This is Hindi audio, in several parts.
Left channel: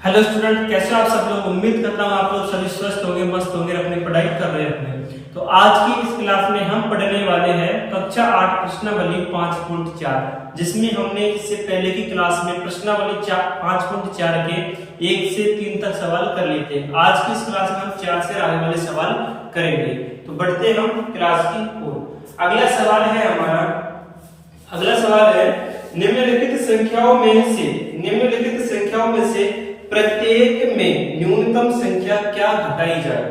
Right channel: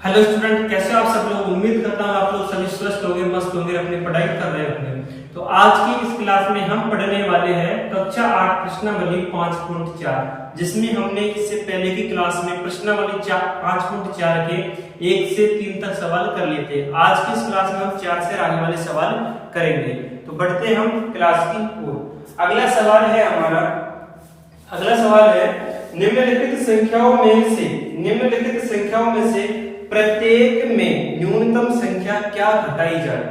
हेलो स्टूडेंट, कैसे हो आप सब लोग। उम्मीद करता हूँ आप लोग सभी स्वस्थ होंगे, मस्त होंगे, अपनी पढ़ाई कर रहे होंगे। तो आज की इस क्लास में हम पढ़ने वाले हैं कक्षा 8 प्रश्नावली 5.4, जिसमें हमने इससे पहले की क्लास में प्रश्नावली 5.4 के 1 से 3 तक सवाल कर लिए थे। आज की इस क्लास में हम 4 से आगे वाले सवाल करेंगे। तो बढ़ते हैं हम क्लास की ओर। अगला सवाल है निम्नलिखित संख्याओं में से प्रत्येक में न्यूनतम संख्या क्या घटाई जाए।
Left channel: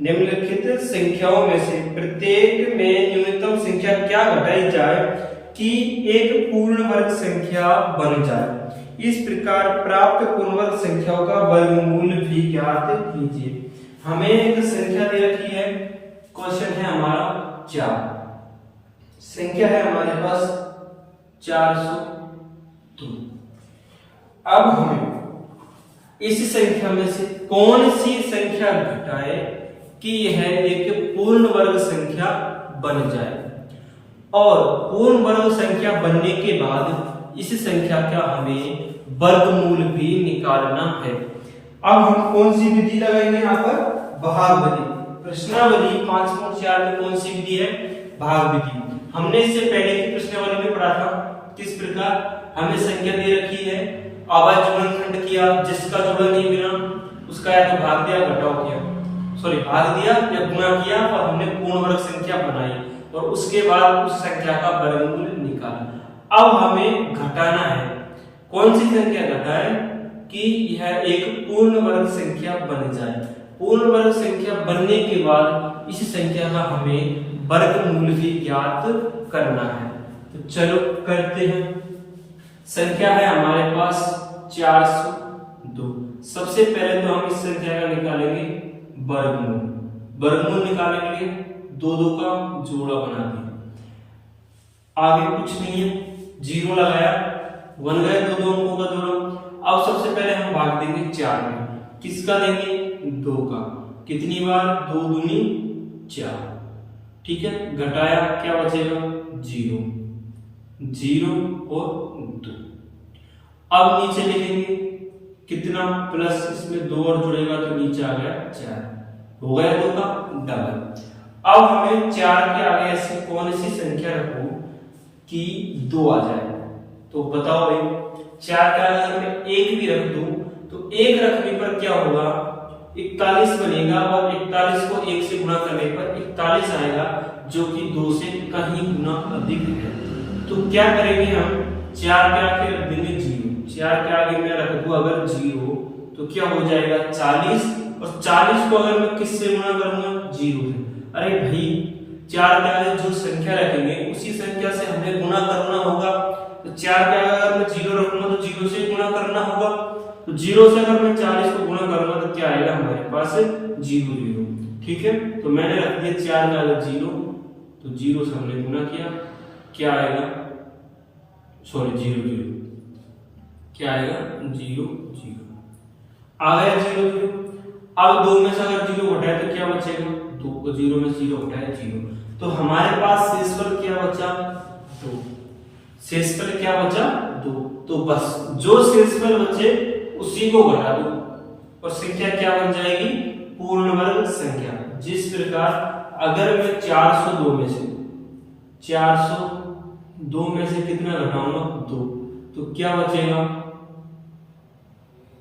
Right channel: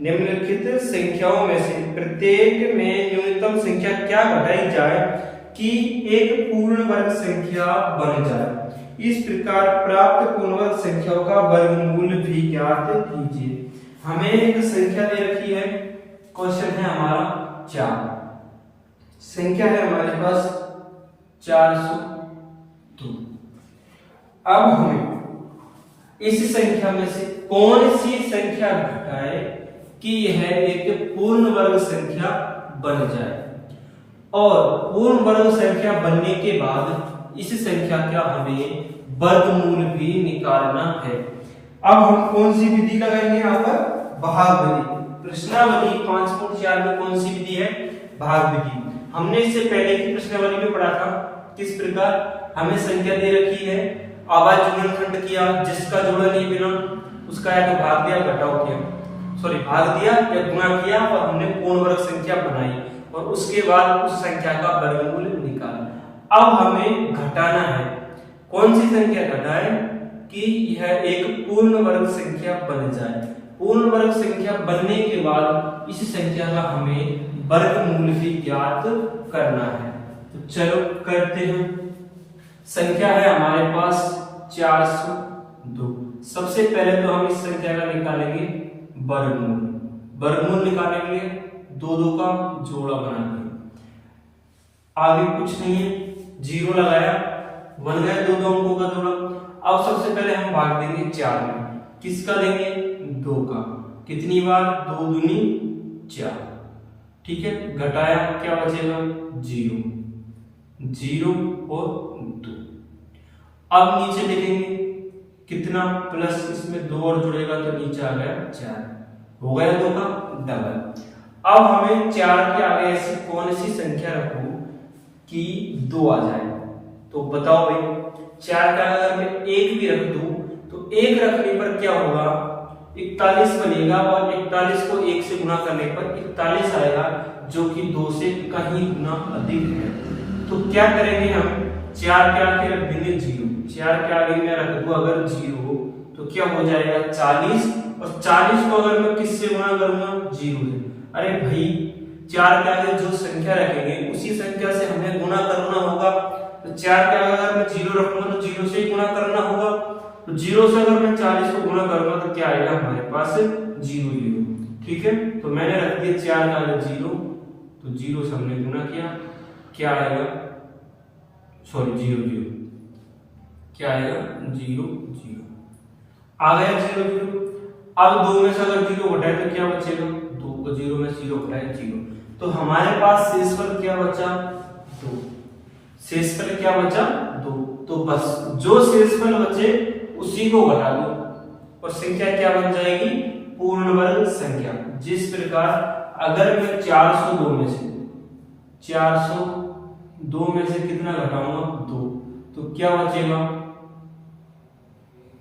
निम्नलिखित संख्याओं में से प्रत्येक में न्यूनतम संख्या क्या घटाई जाए कि एक पूर्ण वर्ग संख्या बन जाए। इस प्रकार प्राप्त पूर्ण वर्ग संख्याओं का वर्गमूल भी ज्ञात कीजिए। हमें एक संख्या दे रखी है, क्वेश्चन है हमारा 4, संख्या है हमारे पास 402। अब हमें इस संख्या में से कौन सी संख्या घटाए कि यह एक पूर्ण वर्ग संख्या बन जाए, और पूर्ण वर्ग संख्या बनने के बाद इस संख्या का हमें वर्गमूल भी निकालना है। अब हम कौन सी विधि लगाएंगे यहाँ पर? भाग विधि। प्रश्नावली 5.4 में कौन सी विधि है? भाग विधि। हमने इससे पहले की प्रश्नावली में पढ़ा था किस प्रकार हमें संख्या दे रखी है, आवाज गुणनखंड किया, जिसका जोड़ नहीं मिला उसका या तो भाग दिया, घटाव किया, भाग दिया या गुणा किया, और हमने पूर्ण वर्ग संख्या बनाई और उसके बाद उस संख्या का वर्गमूल निकाला। अब हमें घटाना है। कौन सी संख्या घटाए कि यह एक पूर्ण वर्ग संख्या बन जाए। पूर्ण वर्ग संख्या बनने के बाद इस संख्या का हमें वर्गमूल भी ज्ञात करना है। तो चलो करते हैं। संख्या है हमारे पास 402। सबसे पहले तो हम इस संख्या का निकालेंगे वर्गमूल। वर्गमूल निकालेंगे, दो दो का जोड़ा बना दिया, आगे कुछ नहीं है, 0 लगाया, बन गया दो दो अंकों का जोड़ा। अब सबसे पहले हम भाग देंगे 4 में। किसका देंगे? 2 का। कितनी बार? 2 दूनी 4। ठीक है, घटाया, क्या बचेगा? 0 और 2। अब नीचे लिखेंगे कितना, प्लस इसमें 2 और जुड़ेगा तो नीचे आ गया 4, हो गया 2 का डबल। अब हमें 4 के आगे ऐसी कौन सी संख्या रखूं कि 2 आ जाए। तो बताओ भाई, 4 का अगर मैं 1 भी रख दूं तो 1 रखने पर क्या होगा? 41 बनेगा, और 41 को 1 से गुणा करने पर 41 आएगा, जो कि 2 से कहीं गुना अधिक है। तो क्या करेंगे हम? 4 के आगे रख देंगे 0। 4 के आगे मैं रख दूं अगर 0 तो क्या हो जाएगा? 40, और 40 को अगर मैं किससे गुणा करूंगा? 0 से। अरे भाई, 4 के आगे जो संख्या रखेंगे उसी संख्या से हमें गुणा करना होगा। तो 4 के आगे अगर मैं 0 रखूंगा तो 0 से ही गुणा करना होगा। तो 0 से अगर मैं 40 को गुणा करूंगा तो क्या आएगा हमारे पास? 0। ठीक है, तो मैंने रख दिया 4 का आगे 0, तो 0 से हमने गुणा किया, क्या आएगा? 0 क्या आएगा? 0 आ गया 0। अब 2 में से अगर 0 घटाए तो क्या बचेगा? 2 को 0 में 0 घटाए 0। तो हमारे पास शेषफल क्या बचा? 2। शेषफल क्या बचा? 2। तो बस जो शेषफल बचे उसी को घटा दो और संख्या क्या बन जाएगी? पूर्ण वर्ग संख्या। जिस प्रकार अगर मैं 402 में से कितना घटाऊंगा? 2, तो क्या बचेगा?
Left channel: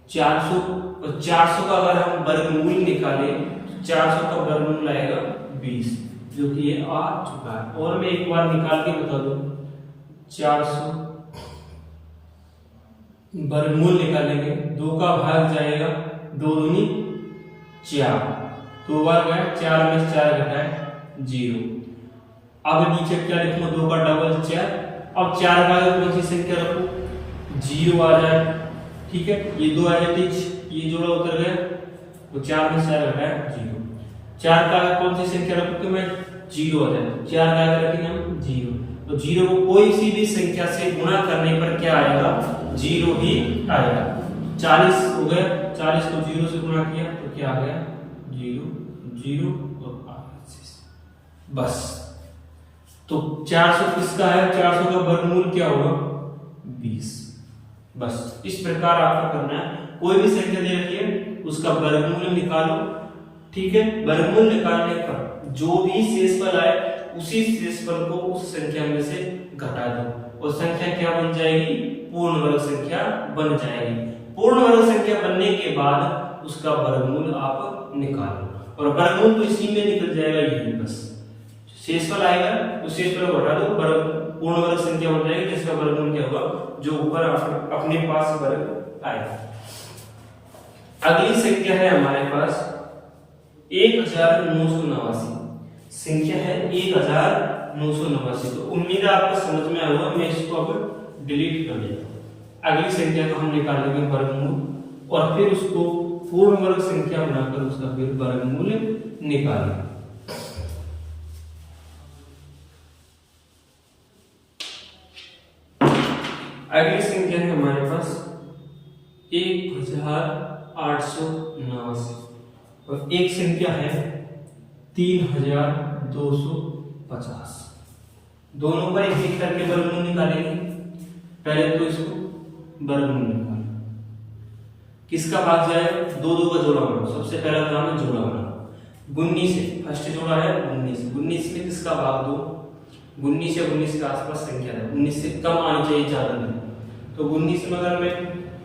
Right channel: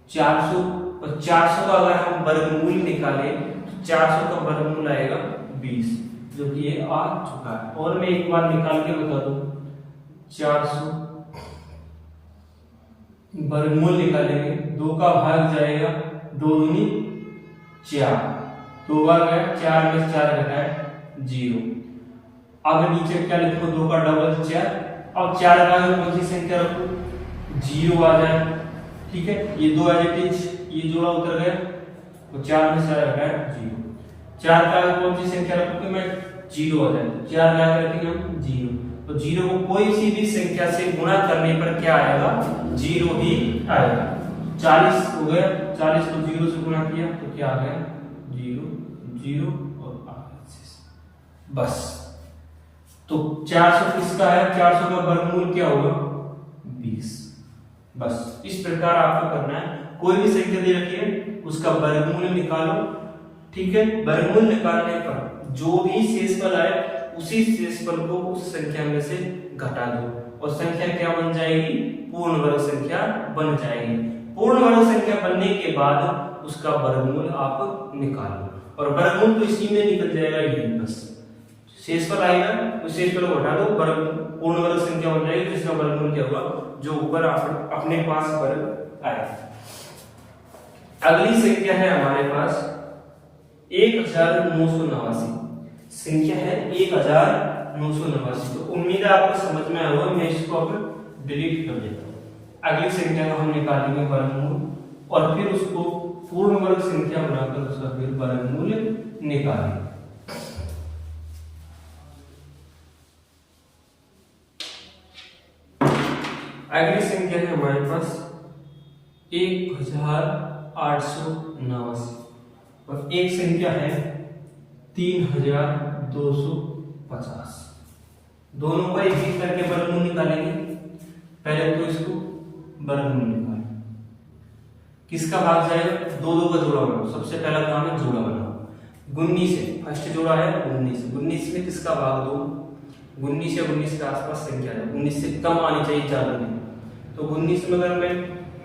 400। और 400 का अगर हम वर्गमूल निकालें तो 400 का वर्गमूल आएगा 20, जो कि ये आ चुका है। और मैं एक बार निकाल के बता दूं, 400 वर्गमूल निकालेंगे, 2 का भाग जाएगा 2 दूनी 4, 2 बार गया, 4 में 4 घटाए 0। अब नीचे क्या लिखूंगा? 2 का डबल 4। अब 4 का अगर कौन सी संख्या रखूं? 0 आ जाए। ठीक है, ये 2 ये जोड़ा उतर गया, तो 4 में 4 घटाए 0। 4 का अगर कौन सी संख्या रखूं तो मैं 0 आ जाए, 4 का अगर रखेंगे हम 0, तो 0 को कोई सी भी संख्या से गुणा करने पर क्या आएगा? 0 ही आएगा। 40 हो गया, 40 को 0 से गुणा किया तो क्या आ गया? 0 और आ गया बस। तो 400 किसका है? 400 का वर्गमूल क्या होगा? 20। बस इस प्रकार आपको करना है। कोई भी संख्या दे रखी है उसका वर्गमूल निकालो, ठीक है। वर्गमूल निकालने पर जो भी शेषफल आए उसी शेषफल को उस संख्या में से घटा दो और संख्या क्या बन जाएगी, पूर्ण वर्ग संख्या बन जाएगी। पूर्ण वर्ग संख्या बनने के बाद उसका वर्गमूल आप निकालो और वर्गमूल तो इसी में निकल जाएगा, यही बस शेषफल आएगा तो शेषफल को घटा दो, पूर्ण वर्ग संख्या बन जाएगी जिसका वर्गमूल क्या हुआ, जो ऊपर अपने पास वर्ग आएगा। अगली संख्या है हमारे पास 1989, संख्या है 1989। तो उम्मीद है आपको समझ में आया होगा, मैं इसको अब डिलीट कर देता हूँ। अगली संख्या को हम निकालेंगे वर्गमूल और फिर उसको पूर्ण वर्ग संख्या बनाकर उसका फिर वर्गमूल निकालेंगे। अगली संख्या है हमारे पास 1889 और एक संख्या है 3250। दोनों का एक एक करके वर्गमूल निकालेंगे। पहले तो इसको वर्गमूल निकालें, किसका भाग जाएगा, दो दो का जोड़ा बनाओ। सबसे पहला काम है जोड़ा बनाओ। 19 से फर्स्ट जोड़ा है 19 में किसका भाग दो, 19 या 19 के आसपास संख्या है, 19 से कम आनी चाहिए, ज्यादा नहीं। तो 19 में अगर मैं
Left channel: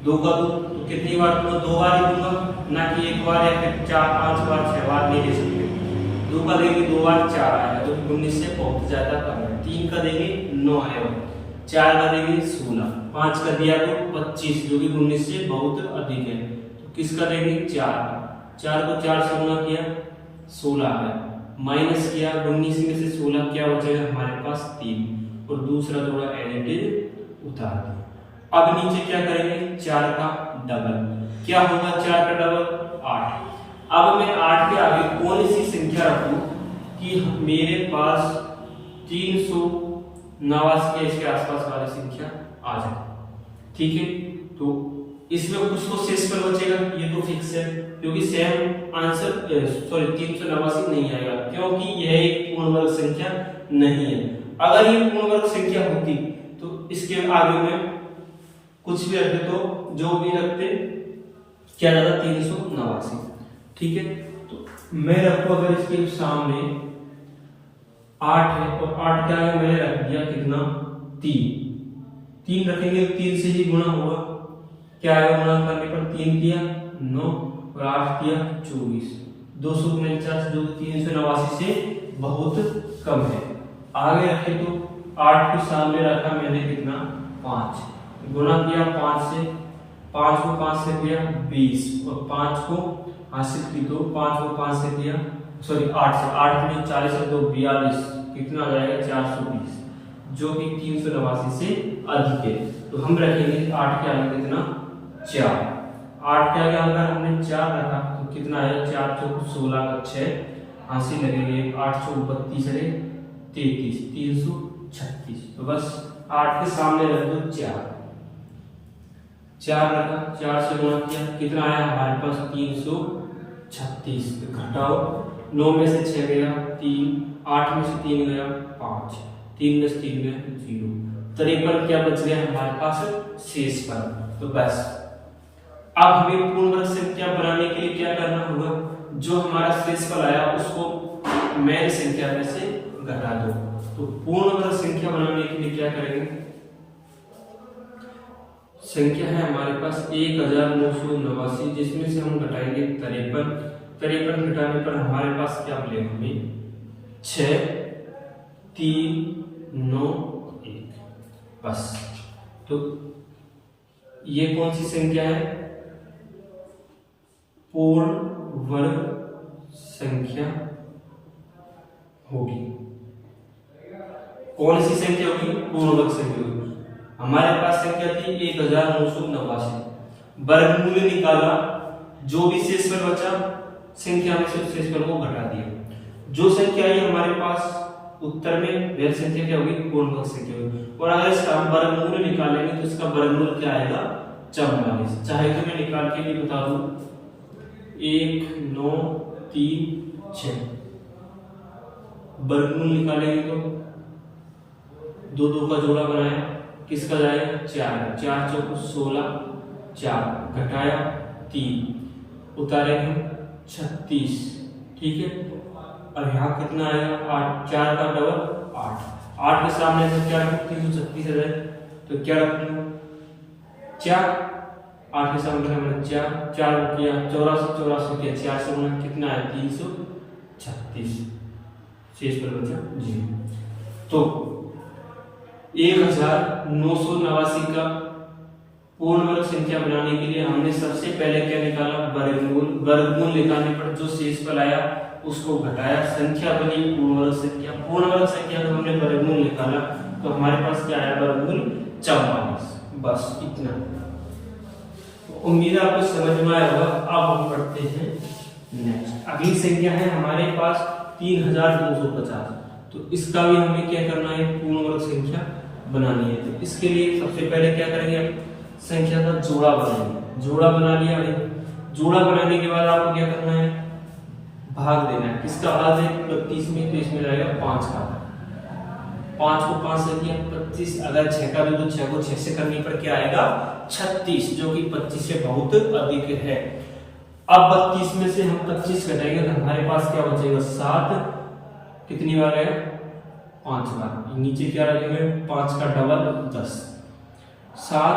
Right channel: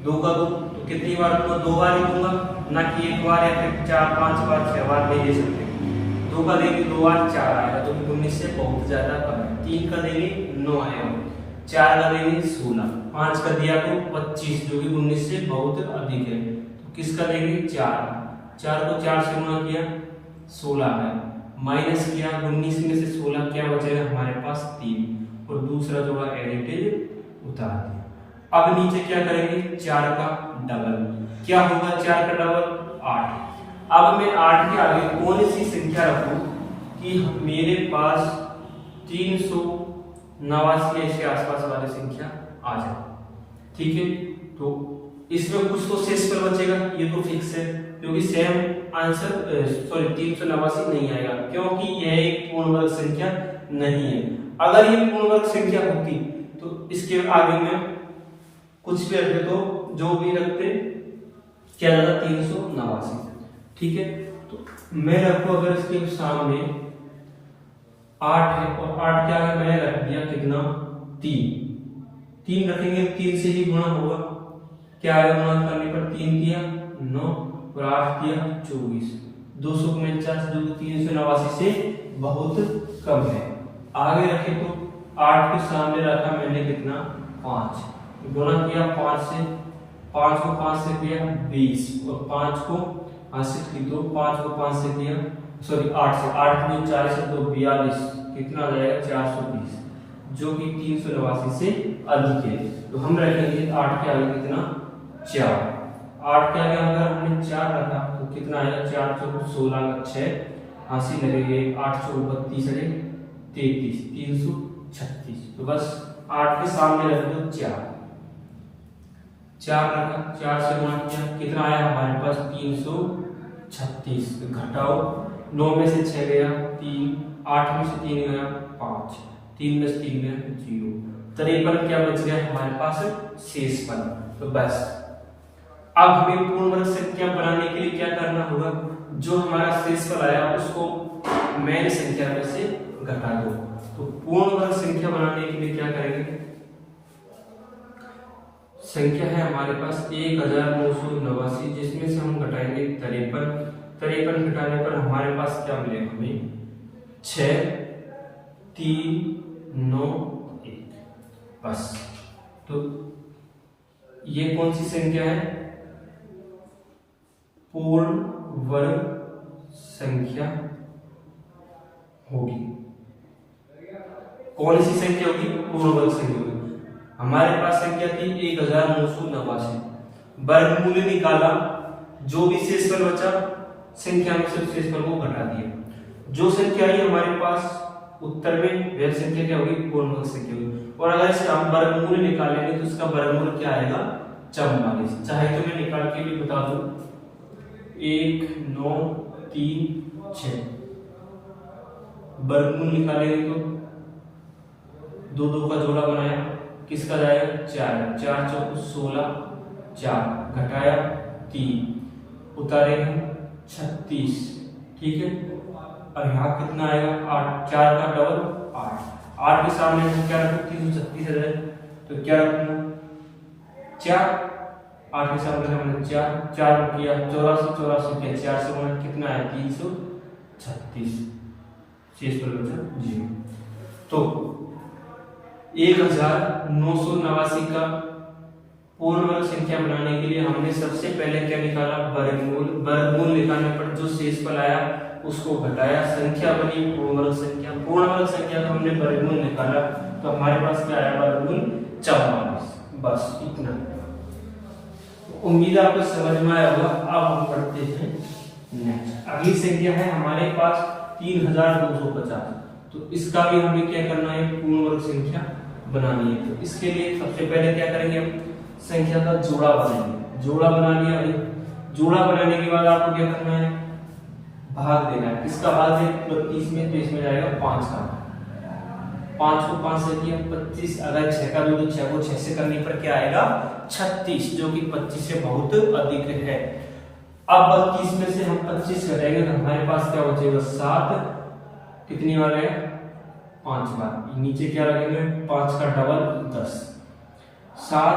2 का दूं तो कितनी बार दूंगा, 2 बार ही दूंगा, ना कि 1 बार या फिर 4 5 बार 6 बार नहीं दे सकते। 2 का देंगे 2 बार 4 आएगा, जो 19 से बहुत ज्यादा कम है। 3 का देंगे 9 आएगा, 4 का देंगे 16, 5 का दिया तो 25, जो कि 19 से बहुत अधिक है। तो किसका देंगे 4 को 4 से गुणा किया 16 आया, माइनस किया 19 में से 16 क्या बचेगा हमारे पास 3 और दूसरा जोड़ा एडिटिव उतार दिया। अब नीचे क्या करेंगे, 4 का डबल, क्या होगा 4 का डबल 8। अब मैं 8 के आगे कौन सी संख्या रखूं कि मेरे पास 389 के आसपास वाली संख्या आ जाए, ठीक है। तो इसमें कुछ तो शेषफल बचेगा, ये तो फिक्स है क्योंकि सेम आंसर 389 नहीं आएगा क्योंकि यह एक पूर्ण वर्ग संख्या नहीं है। अगर ये पूर्ण वर्ग संख्या होती तो इसके आगे में कुछ भी रखते, तो जो भी रखते क्या जाता 389, ठीक है। तो मैं रखू अगर इसके सामने 8 है और 8 के आगे मैंने रख दिया कितना 3 रखेंगे, 3 से ही गुणा होगा, क्या आएगा गुणा करने पर 3 दिया 9 और 8 दिया 24, 249 जो 389 से बहुत कम है। आगे रखे तो 8 के सामने रखा मैंने कितना 5, गुणा किया 5 से, 5 को 5 से किया 20 और 5 को 5 की तो 5 को 5 से किया 8 से 8 में 40 से 42, कितना आ जाएगा 420, जो कि 389 से अधिक है। तो हम रखेंगे 8 के आगे कितना 4, 8 के आगे अगर हमने 4 रखा तो कितना आएगा 4 चौक 16 का 6 80 लगेंगे, 8 चौक 32 है 33, 336। तो बस 8 के सामने रख दो 4 रखा, 4 से गुणा किया कितना आया हमारे पास 336। घटाओ 9 में से 6 गया 3, 8 में से 3 गया 5, 3 में से 3 गया 0, 53 क्या बच गया हमारे पास शेषफल। तो बस अब हमें पूर्ण वर्ग संख्या बनाने के लिए क्या करना होगा, जो हमारा शेषफल आया उसको मेन संख्या में से घटा दो। तो पूर्ण वर्ग संख्या बनाने के लिए क्या करेंगे, संख्या है हमारे पास 1989 जिसमें से हम घटाएंगे 53 घटाने पर हमारे पास क्या मिलेगा हमें 6 3 9 1। बस तो ये कौन सी संख्या है, पूर्ण वर्ग संख्या होगी। कौन सी संख्या होगी, पूर्ण वर्ग संख्या होगी। हमारे पास संख्या थी 1989, वर्गमूल निकाला, जो भी शेषफल बचा संख्या में से शेषफल को घटा दिया, जो संख्या आई हमारे पास उत्तर में वह संख्या क्या होगी, पूर्ण वर्ग संख्या होगी। और अगर इसका हम वर्गमूल निकालेंगे तो इसका वर्गमूल क्या आएगा 44। चाहे तो मैं निकाल के भी बता दूं 1 9 3 6, वर्गमूल निकालेंगे तो 2 2 का जोड़ा बनाया, किसका जाएगा 4 4 चौक 16, 4 घटाया 3 उतारे हम 36, ठीक है। और यहाँ कितना आएगा 8, 4 का डबल 8, 8 के सामने में क्या रखूँ 336 है तो क्या रखूँगा 4, 8 के सामने मैंने 4, 4 किया 84, 84 किया 4 से गुणा कितना है 336, शेष पर बचा 0। तो 1989 का पूर्ण वर्ग संख्या बनाने के लिए हमने सबसे पहले क्या निकाला वर्गमूल। वर्गमूल निकालने पर जो शेषफल आया उसको घटाया, संख्या बनी पूर्ण वर्ग संख्या। पूर्ण वर्ग संख्या का हमने वर्गमूल निकाला तो हमारे पास क्या आया वर्गमूल 44। बस इतना। उम्मीद आपको समझ में आया होगा। अब हम पढ़ते हैं नेक्स्ट। अगली संख्या है हमारे पास 3250। तो इसका भी हमें क्या करना है पूर्ण वर्ग संख्या बनानी है। तो इसके लिए सबसे पहले क्या करेंगे संख्या का जोड़ा बनाएंगे। जोड़ा बना लिया भाई। जोड़ा बनाने के बाद आपको क्या करना है भाग देना है। किसका भाग है 32 में, तो इसमें जाएगा 5 का। 5 को 5 से किया 25, अगर 6 का भी तो 6 को 6 से करने पर क्या आएगा 36, जो कि 25 से बहुत अधिक है। अब 32 में से हम 25 घटाएंगे तो हमारे पास क्या बचेगा 7। कितनी बार आएगा 5 बार। नीचे क्या रखेंगे 5 का डबल 10, 7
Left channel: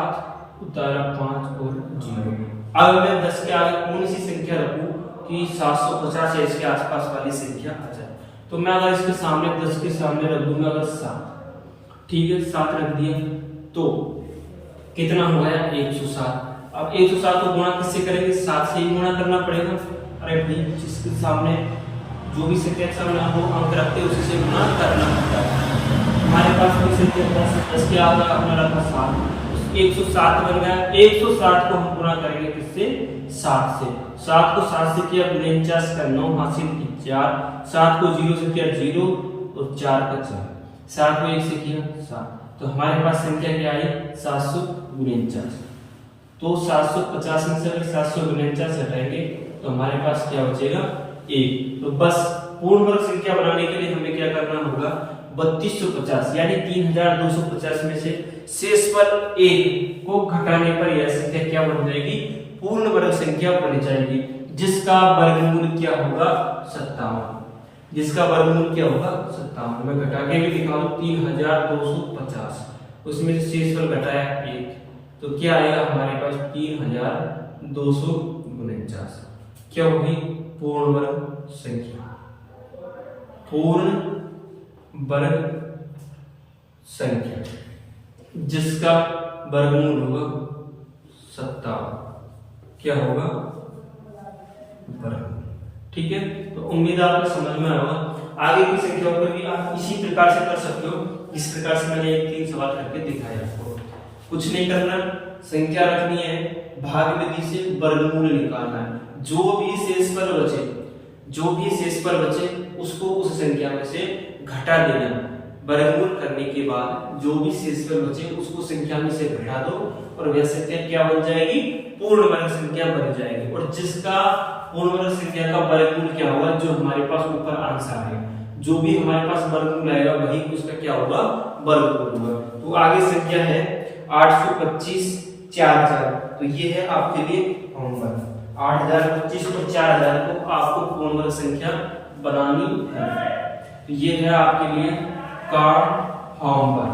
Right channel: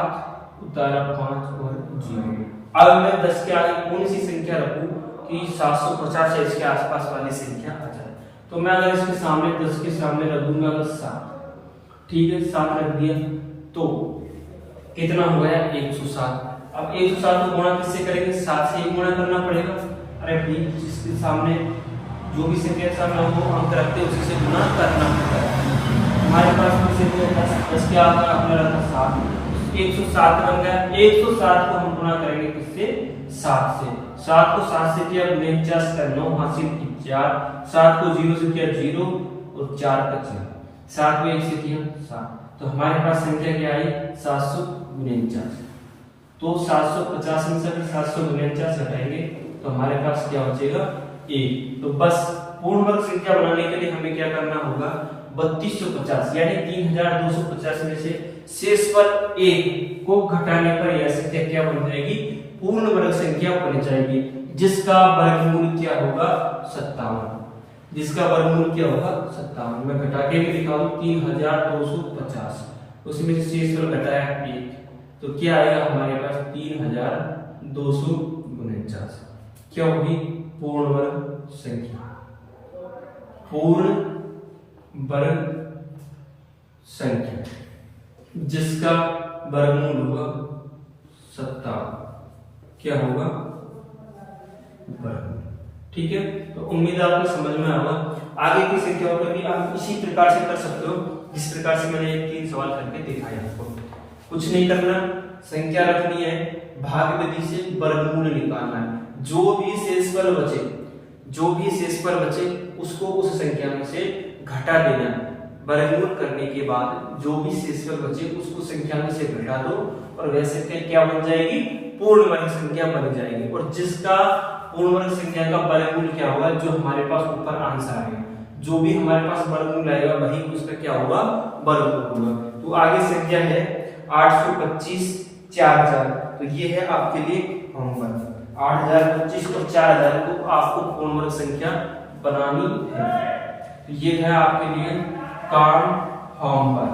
उतारा 5 और 0। अब मैं 10 के आगे कौन सी संख्या रखूं कि 750 है इसके आसपास वाली संख्या आ जाए। तो मैं अगर इसके सामने 10 के सामने रख दूंगा अगर 7, ठीक है 7 रख दिया तो कितना हो गया 107। अब 107 को गुणा किससे करेंगे 7 से ही गुणा करना पड़ेगा। अरे भाई जिसके सामने जो भी संख्या के सामने हमको अंक रखते हैं उसी से गुणा करना होता है। हमारे पास कोई संख्या 10 के आगे आपने रखा 7, 107 बन गया। 107 को हम गुणा करेंगे किससे 7 से। 7 को 7 से किया 49 का 9 हासिल 4, 7 को 0 से किया 0 और 4 का 4, 7 को 1 से किया 7। तो हमारे पास संख्या क्या आई 749। तो 750 में से अगर 749 हटाएंगे तो हमारे पास क्या बचेगा 1। तो बस पूर्ण वर्ग संख्या बनाने के लिए हमें क्या करना होगा 3250 यानी 3250 में से शेषफल 1 को घटाने पर यह संख्या क्या बन जाएगी पूर्ण वर्ग संख्या बन जाएगी, जिसका वर्गमूल क्या होगा 57। जिसका वर्गमूल क्या होगा 57। मैं घटा के भी दिखा दूं 3250, उसमें से शेषफल घटाया 1 तो क्या आएगा हमारे पास 3249। क्या होगी पूर्ण वर्ग संख्या। पूर्ण वर्ग संख्या जिसका वर्गमूल होगा 57 क्या होगा वर्गमूल। ठीक है, तो उम्मीद आपको समझ में आएगा। आगे की संख्याओं पर भी आप इसी प्रकार से कर सकते हो जिस प्रकार से मैंने 3 सवाल करके दिखाया आपको। कुछ नहीं करना, संख्या रखनी है, भाग विधि से वर्गमूल निकालना है। जो भी शेषफल बचे उसको उस संख्या में से घटा देना है। वर्गमूल करने के बाद जो भी शेषफल बचे उसको संख्या में से घटा दो और वह संख्या क्या बन जाएगी पूर्ण वर्ग संख्या बन जाएगी। और जिसका पूर्ण वर्ग संख्या का वर्गमूल क्या होगा जो हमारे पास ऊपर आंसर आएगा, जो भी हमारे पास वर्गमूल आएगा वही उसका क्या होगा वर्गमूल होगा। तो आगे संख्या है 825 4,000। तो ये है आपके लिए होमवर्क। 8025 और 4000 को आपको पूर्ण वर्ग संख्या बनानी है। तो ये है आपके लिए काम होमवर्क।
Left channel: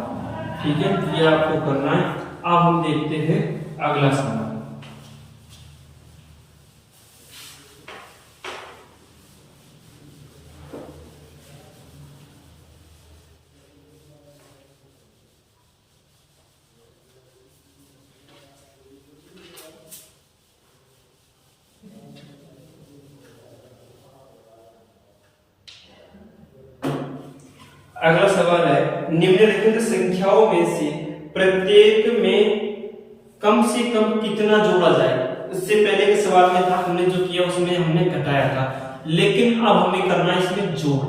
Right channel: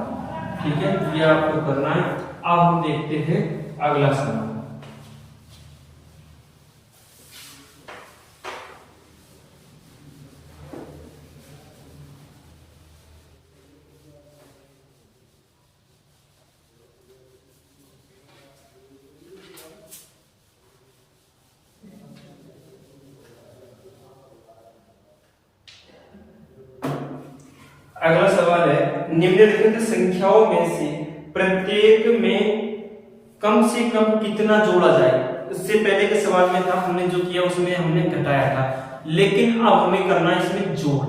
ठीक है, ये आपको करना है। अब हम देखते हैं अगला सवाल। अगला सवाल है निम्नलिखित संख्याओं में से प्रत्येक में कम से कम कितना जोड़ा जाए। इससे पहले के सवाल में था हमने जो किया उसमें हमने घटाया था, लेकिन अब हमें करना है इसमें जोड़।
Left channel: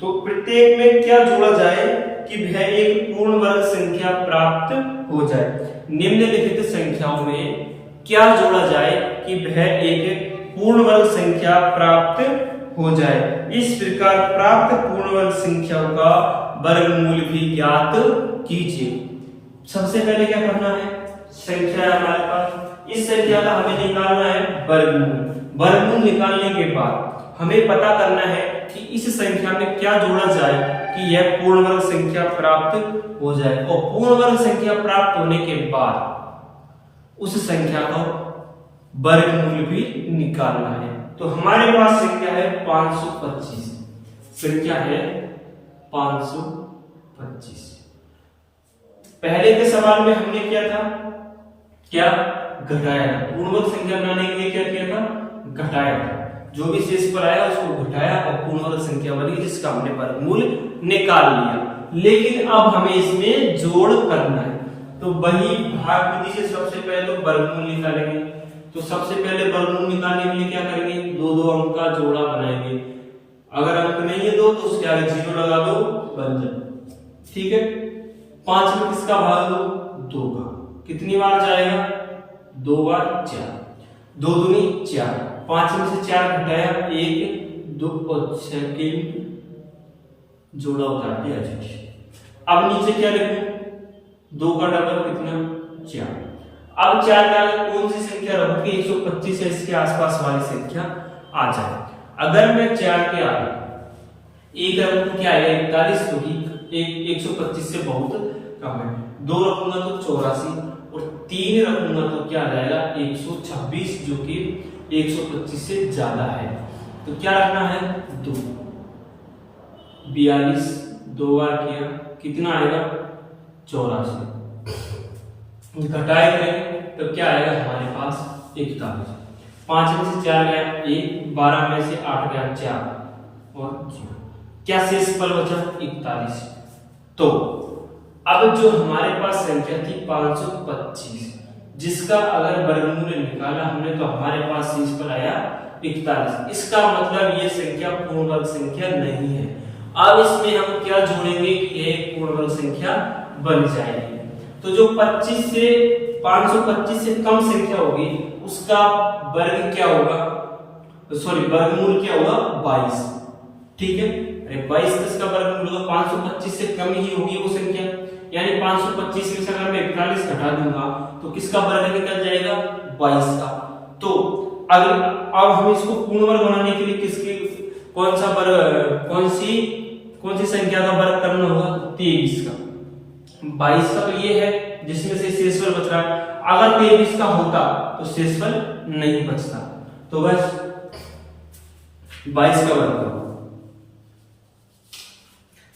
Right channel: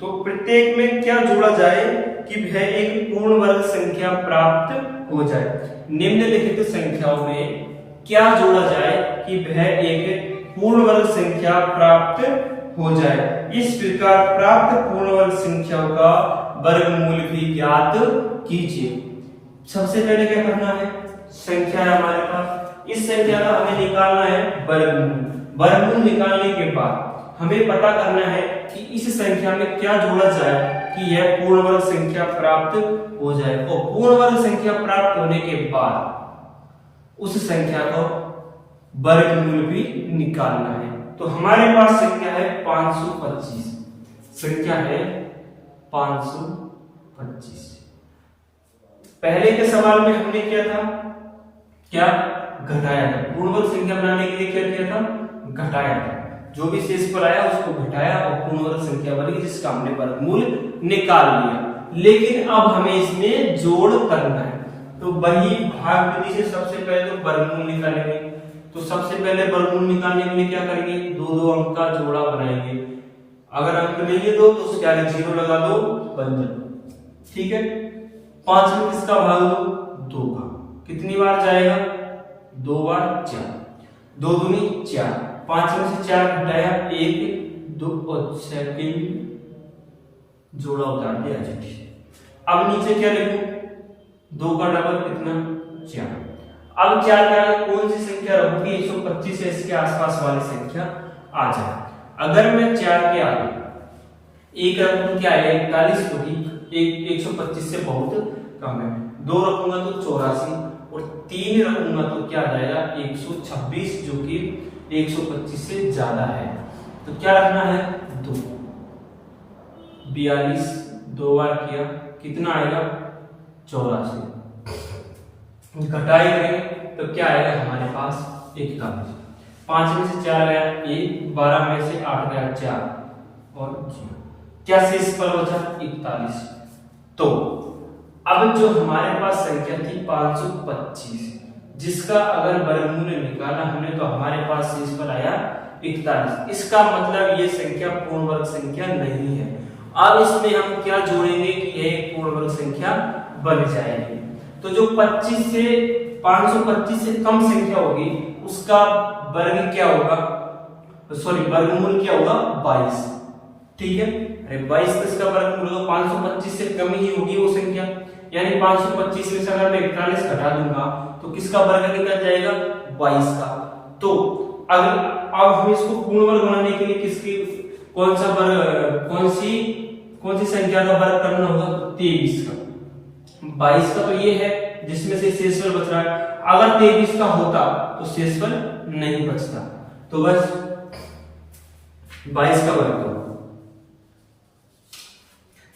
तो प्रत्येक में क्या जोड़ा जाए कि वह एक पूर्ण वर्ग संख्या प्राप्त हो जाए। निम्नलिखित संख्याओं में क्या जोड़ा जाए कि वह एक पूर्ण वर्ग संख्या प्राप्त हो जाए। इस प्रकार प्राप्त पूर्ण वर्ग संख्याओं का वर्गमूल भी ज्ञात कीजिए। सबसे पहले क्या करना है, संख्या है हमारे पास इस संख्या का हमें निकालना है वर्गमूल। वर्गमूल निकालने के बाद हमें पता करना है कि इस संख्या में क्या जोड़ा जाए कि यह पूर्ण वर्ग संख्या प्राप्त हो जाए, और पूर्ण वर्ग संख्या प्राप्त होने के बाद उस संख्या का वर्गमूल भी निकालना है। तो हमारे पास संख्या है 525, संख्या है 525। पहले के सवाल में हमने क्या था, क्या घटाया था, पूर्ण वर्ग संख्या बनाने के लिए क्या किया था, घटाया था। जो भी शेषफल आया उसको घटाया और पूर्ण वर्ग संख्या बनी जिसका हमने वर्गमूल निकाल लिया। लेकिन अब हमें इसमें जोड़ करना है, तो वही भाग विधि से सबसे पहले वर्गमूल निकालेंगे। तो सबसे पहले वर्गमूल निकालने के लिए क्या करेंगे, दो दो अंक का जोड़ा बनाएंगे। अगर अंक नहीं है दो तो उसके आगे 0 लगा दो, बन जाए। ठीक है, 5 में किसका भाग दो, 2 का। कितनी बार जाएगा, 2 बार 4, 2 दूनी 4, 5 में से 4 घटाया 1 2 और 6 के जोड़ा उतार दिया जाए। अब नीचे क्या लिखूं, 2 का डबल कितना, 4। अब 4 के आगे कौन सी संख्या रखूंगी, 125 से इसके आसपास वाली संख्या आ जाए। अगर मैं 4 के आगे 1 रखूं क्या आएगा, 41, क्योंकि 125 से बहुत कम है। 2 रखूंगा तो 84 और 3 रखूंगा तो क्या आ जाएगा 126, जो कि 125 से ज्यादा है। तो क्या रखना है, 2। 42 2 बार किया कितना आएगा, 84। घटाए करेंगे तो क्या आएगा हमारे पास 41। 5 में से 4 गया 1, 12 में से 8 गया 4 और 0। क्या शेषफल बचा, 41। तो अब जो हमारे पास संख्या थी 525, जिसका अगर वर्गमूल निकाला हमने तो हमारे पास शेषफल आया 41। इसका मतलब ये संख्या पूर्ण वर्ग संख्या नहीं है। अब इसमें हम क्या जोड़ेंगे कि यह एक पूर्ण वर्ग संख्या बन जाएगी। तो जो 525 से कम संख्या होगी उसका वर्ग क्या होगा, सॉरी वर्गमूल क्या होगा, 22। ठीक है, अरे 22 किसका वर्गमूल होगा, 525 से कम ही होगी वो संख्या। यानी 525 में से अगर मैं 41 घटा दूंगा तो किसका वर्ग निकल जाएगा, 22 का। तो अगर अब हम इसको पूर्ण वर्ग बनाने के लिए किसके कौन सी संख्या का वर्ग करना होगा, 23 का। 22 का तो ये है जिसमें से शेषफल बच रहा है। अगर 23 का होता तो शेषफल नहीं बचता, तो बस 22 का वर्ग करो।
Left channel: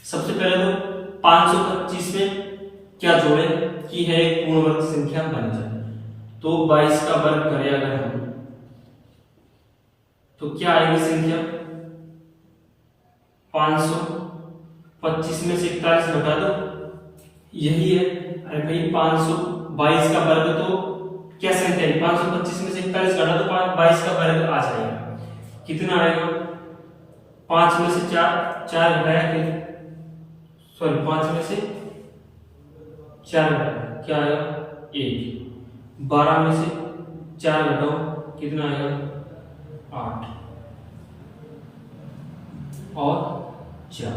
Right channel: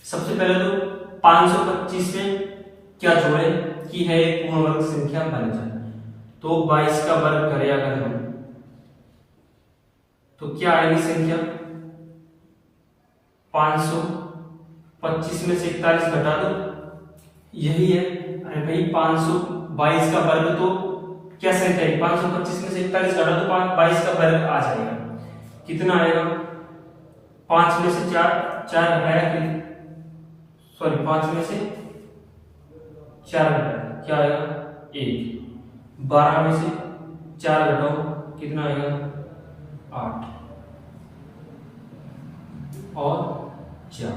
सबसे पहले तो 525 में क्या जोड़े कि है एक पूर्ण वर्ग संख्या बन जाए। तो 22 का वर्ग करें अगर हम तो क्या आएगी संख्या, 525 में से 41 घटा दो, यही है। अरे भाई 522 का वर्ग तो क्या संख्या है, 525 में से 41 घटा दो 22 का वर्ग आ जाएगा। कितना आएगा, 5 में से 4 घटाया कि सॉरी 5 में से 4 घटाया क्या आएगा, 1। 12 में से 4 घटाओ कितना आएगा, 8 और 4।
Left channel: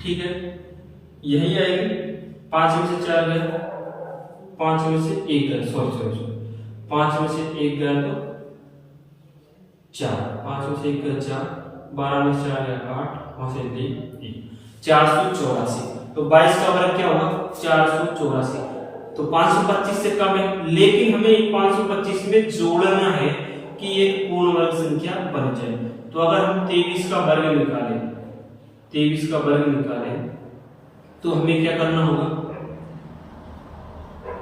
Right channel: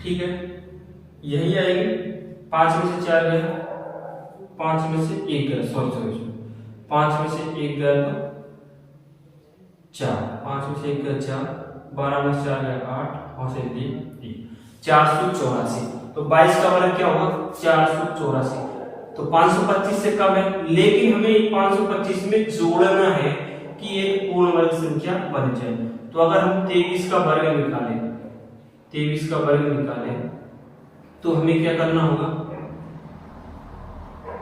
ठीक है, यही आएगी। 5 में से 4 गया, 5 में से 1 गया, सॉरी 5 में से 1 गया तो 4, 5 में से 1 गया 4, 12 में से 4 गया 8, 5 से 1 484। तो 22 का वर्ग क्या होगा, 484। तो 525 से कम है, लेकिन हमें 525 में जोड़ना है कि एक पूर्ण वर्ग संख्या बन जाए। तो अगर हम 23 का वर्ग निकालें, 23 का वर्ग निकालें तो हमें क्या करना होगा,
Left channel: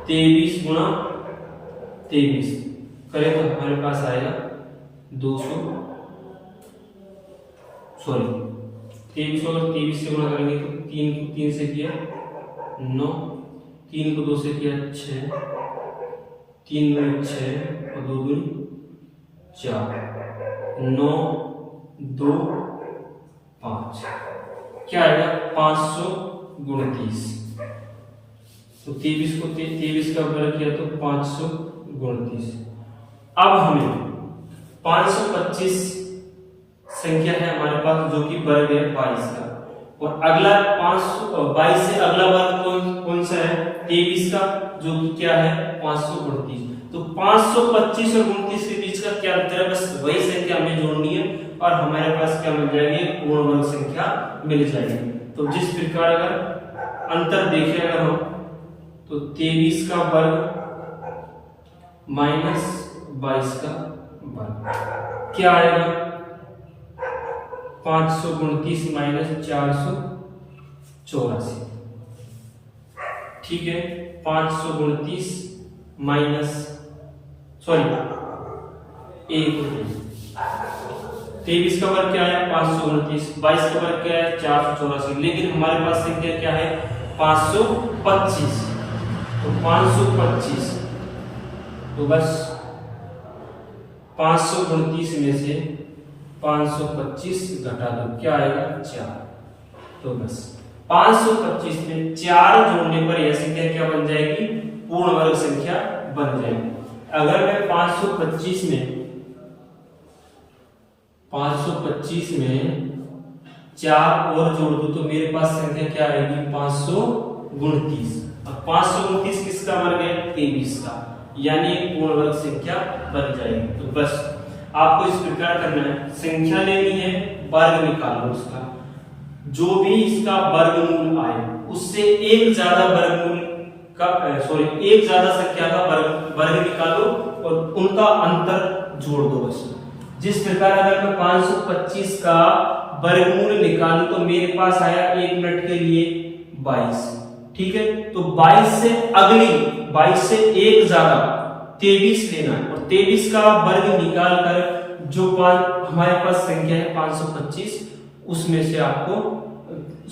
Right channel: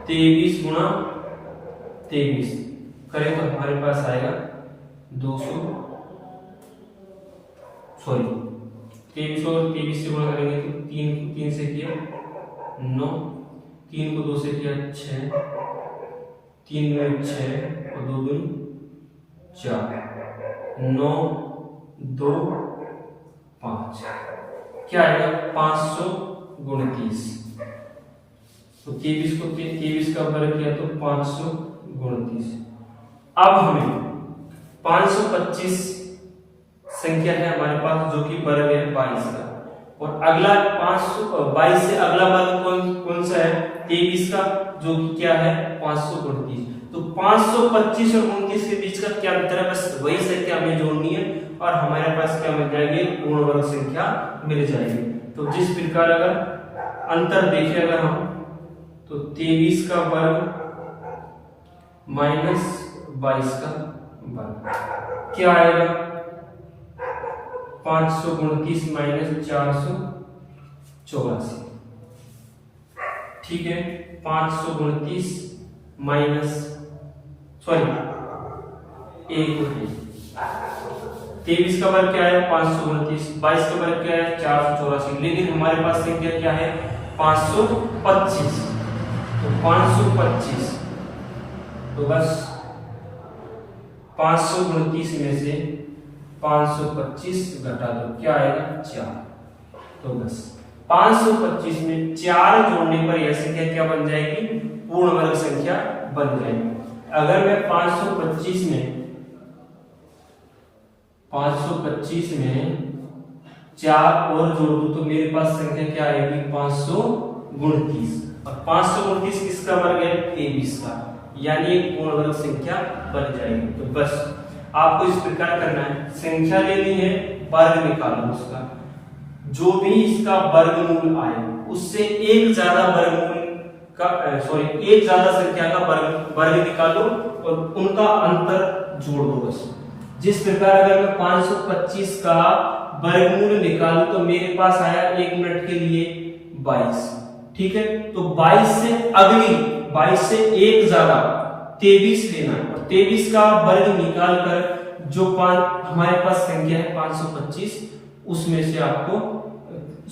23 गुणा 23 करें तो हमारे पास आएगा 23 और 23 से गुणा करेंगे तो 3 को 3 से किया 9, 3 को 2 से किया 6, 3 में 6 और 2 दूनी 4, 9 2 5 क्या आएगा 529। तो 23 को 23 का वर्ग किया तो 529। अब हमें 525 संख्या है हमारे पास जो कि वर्ग है 22 का, और अगला 522 से अगला वर्ग कौन सा है, 23 का। जो कि क्या है 529। तो 525 और 29 के बीच का क्या अंतर है, बस वही संख्या हमें जोड़नी है और हमारे पास क्या मिल जाएगी, पूर्ण वर्ग संख्या मिल जाएगी। तो जिस प्रकार अगर अंतर देखें अगर हम, तो 23 का वर्ग माइनस 22 का वर्ग क्या आएगा, 529 माइनस 484। ठीक है, 529 माइनस 23 का वर्ग क्या है 529, 22 का वर्ग क्या है 484, लेकिन हमारे पास संख्या क्या है 525। तो 525, तो बस 529 में से 525 घटा दो, क्या आएगा 4। तो बस 525 में 4 जोड़ने पर यह संख्या क्या बन जाएगी, पूर्ण वर्ग संख्या बन जाएगी। अगर मैं 525 में 4 और जोड़ दूं तो मेरे पास संख्या क्या आएगी 529। और 529 किसका वर्ग है 23 का, यानी एक पूर्ण वर्ग संख्या बन जाएगी। तो बस आपको इस प्रकार करना है, संख्या लेनी है, वर्ग निकालो उसका, जो भी इसका वर्गमूल आए उससे एक ज्यादा वर्गमूल का एक ज्यादा संख्या का वर्ग निकालो और उनका अंतर जोड़ दो बस। जिस प्रकार अगर मैं 525 का वर्गमूल निकालूं तो मेरे पास आया 1 मिनट के लिए 22। ठीक है, तो 22 से एक ज्यादा 23 लेना और 23 का वर्ग निकाल कर जो हमारे पास संख्या है 525, उसमें से आपको